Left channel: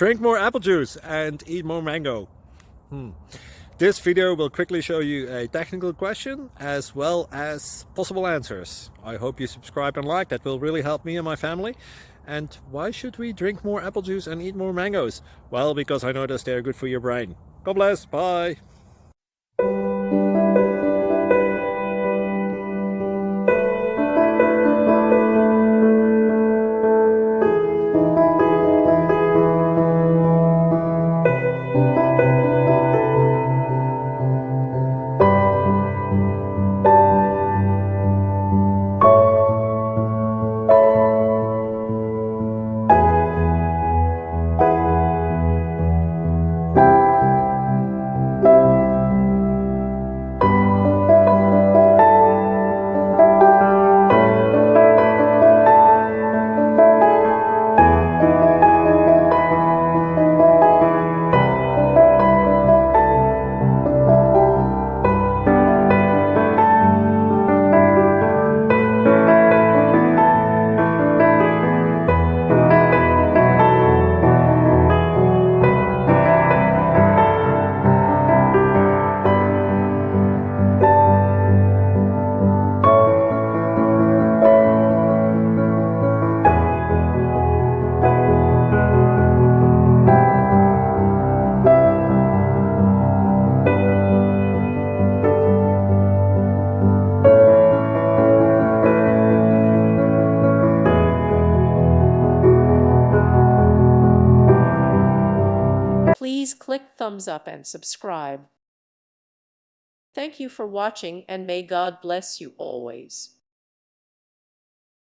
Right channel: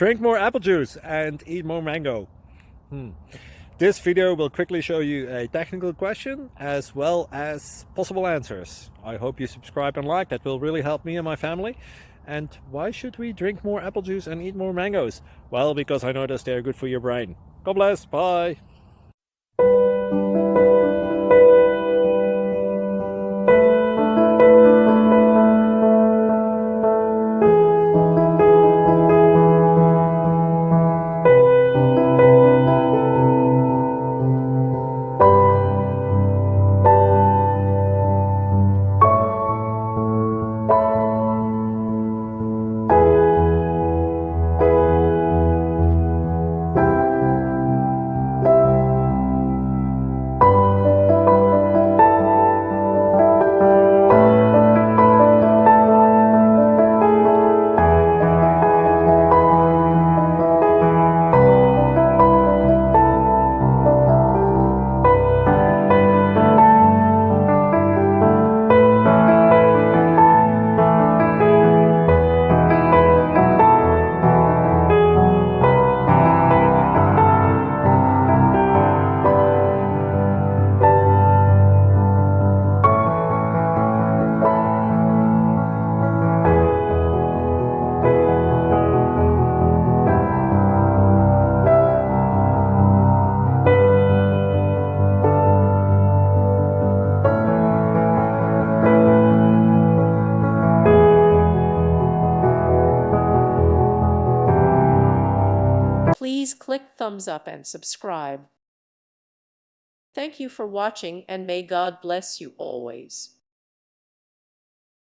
Drink more apple juice and eat more mango. This video will quickly show you a technical question as well as possible answers. I hope you subscribe and like, that will really help me and my family. And why should we drink more apple juice and eat more mangoes? Well, because I noticed they're good for your brain. God bless, bye! Please click thumbs up and subscribe. Thank you for watching, and may God bless you always.